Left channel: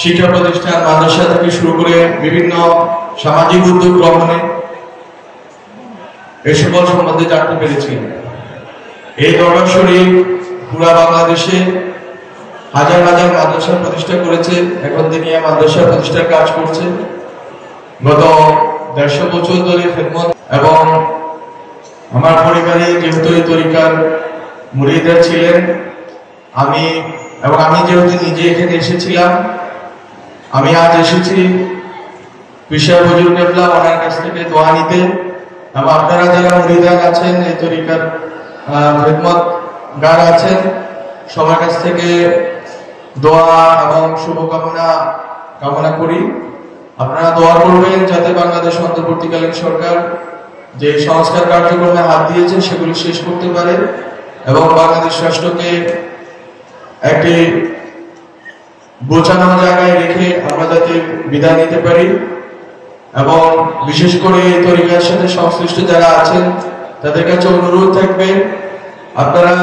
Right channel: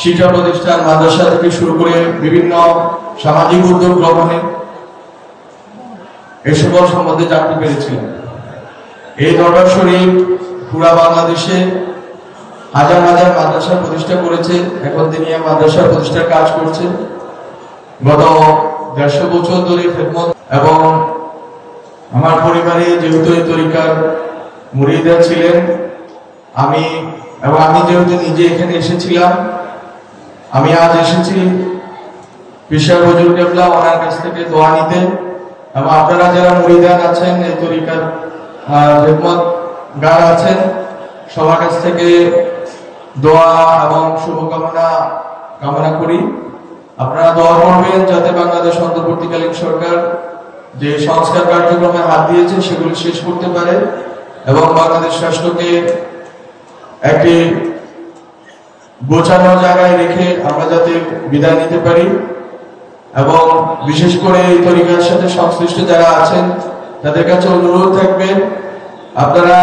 শিক্ষা প্রতিষ্ঠান মাদ্রাসা থেকে শুরু করে বিভিন্ন সামাজিক উদ্যোগ গ্রহণে এ সকল সম্বন্ধে জানতে পেরেছি। এই দরবার শরীফ পুরা বাংলাদেশে হাজার হাজার মাদ্রাসা প্রতিষ্ঠা করেছে। এখন তিনি মাদ্রাসা প্রতিষ্ঠার কাজ করছে। গত ১৫০ বছর ধরে খেদমত এবং আমার পরিবারে যেহেতু এই তরিকার মুরিদরা ছিলেন, আমি যেহেতু নিজে এখানে এসেছিলাম, আমি আজ এসেছি পিশার হুজুর কেবলা ওনার কাছ থেকে দোয়া নিতে। এবং আপনারা যারা মুরিদান আছেন, এই তরিকার খেদমত গার আছেন, সবার কাছ থেকে দোয়া এবং শুভকামনা কামনা করি। আপনারা দোয়া করবেন যাতে বাংলাদেশ অন্তর্বর্তীকালীন সরকার যে সংস্কার কার্যক্রমে হাত দিয়েছে সেগুলি শেষ করতে পারে এবং বাংলাদেশ রাষ্ট্রকে একটি গোছানো জায়গায় রেখে আমরা যাতে বিদায় নিতে পারি। এবং বিশেষ করে এই তরিকার সাথে সংশ্লিষ্ট যারা আছেন তাদের কাছে অনুরোধ থাকবে, আপনারা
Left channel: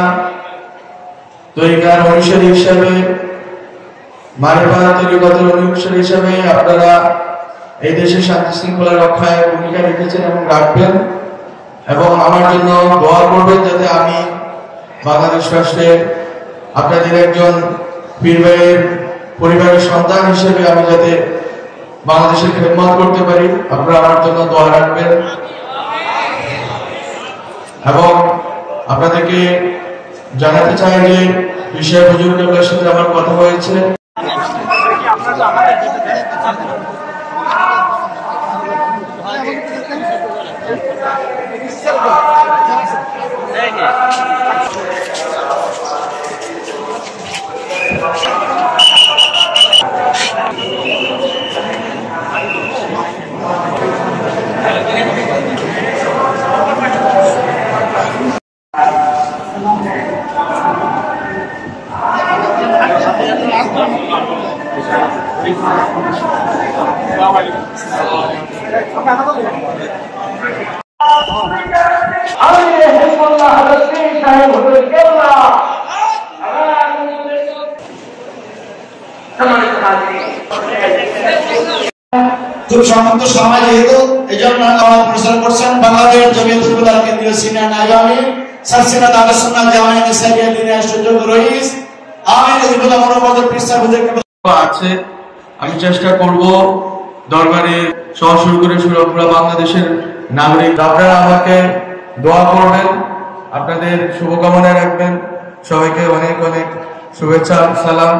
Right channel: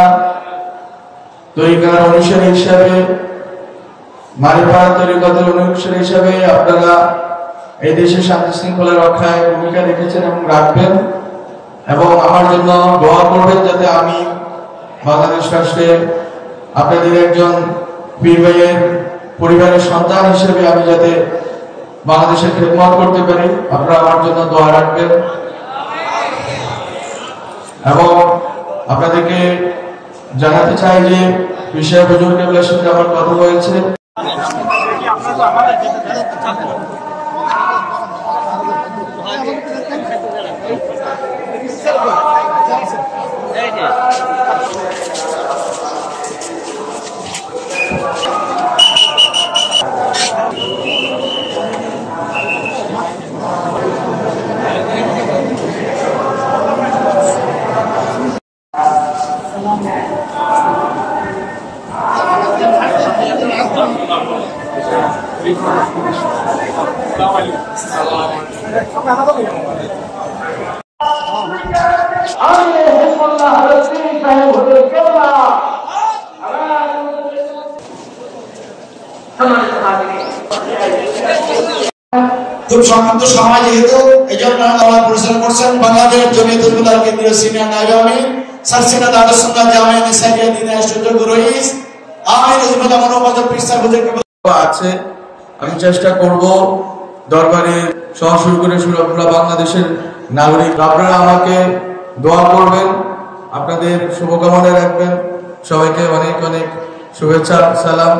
তরিকার অনুসারী হিসাবে, মারিফাত তরিকাতের অনুসারী হিসাবে আপনারা এই দেশের শান্তি শৃঙ্খলা রক্ষায় ভূমিকা রেখেছেন এবং রাখবেন। এবং আমার জন্য দোয়া করবেন যাতে আমি বাংলাদেশ রাষ্ট্রের আপনাদের একজন পীর ভাইয়ের পরিবারের সন্তান হিসেবে আমি যাতে বাংলাদেশের খেদমত করতে পারি। আপনারা আমার জন্য দোয়া রাখবেন। এবং আপনাদেরকে জানাতে চাই যে পিশার হুজুর কেবলার সাথে আমার কথা হয়েছে। খুব সম্মানিত সমাজ যেহেতু এই জন্য পরিচালনা করছেন বাংলাদেশ জমিয়তুল উলামা কেন্দ্রীয় সিনিয়র নায়েব আমির সালসিনা আহলে সুন্নাহ জামিয়া নিসাইয়া দিনের সুযোগ রইস আমির হিজবুল্লাহ মনোবাদ পিসার হুজুর আছে। আমি চেষ্টা করব দরবারে শুরু করে পুরো বাংলাদেশের নাগরিক আপনারা আমাকে দোয়া করবেন, আপনাদের শুভকামনা রাখবেন। সবাইকে অনেক অনেক শুভেচ্ছা, সালাম।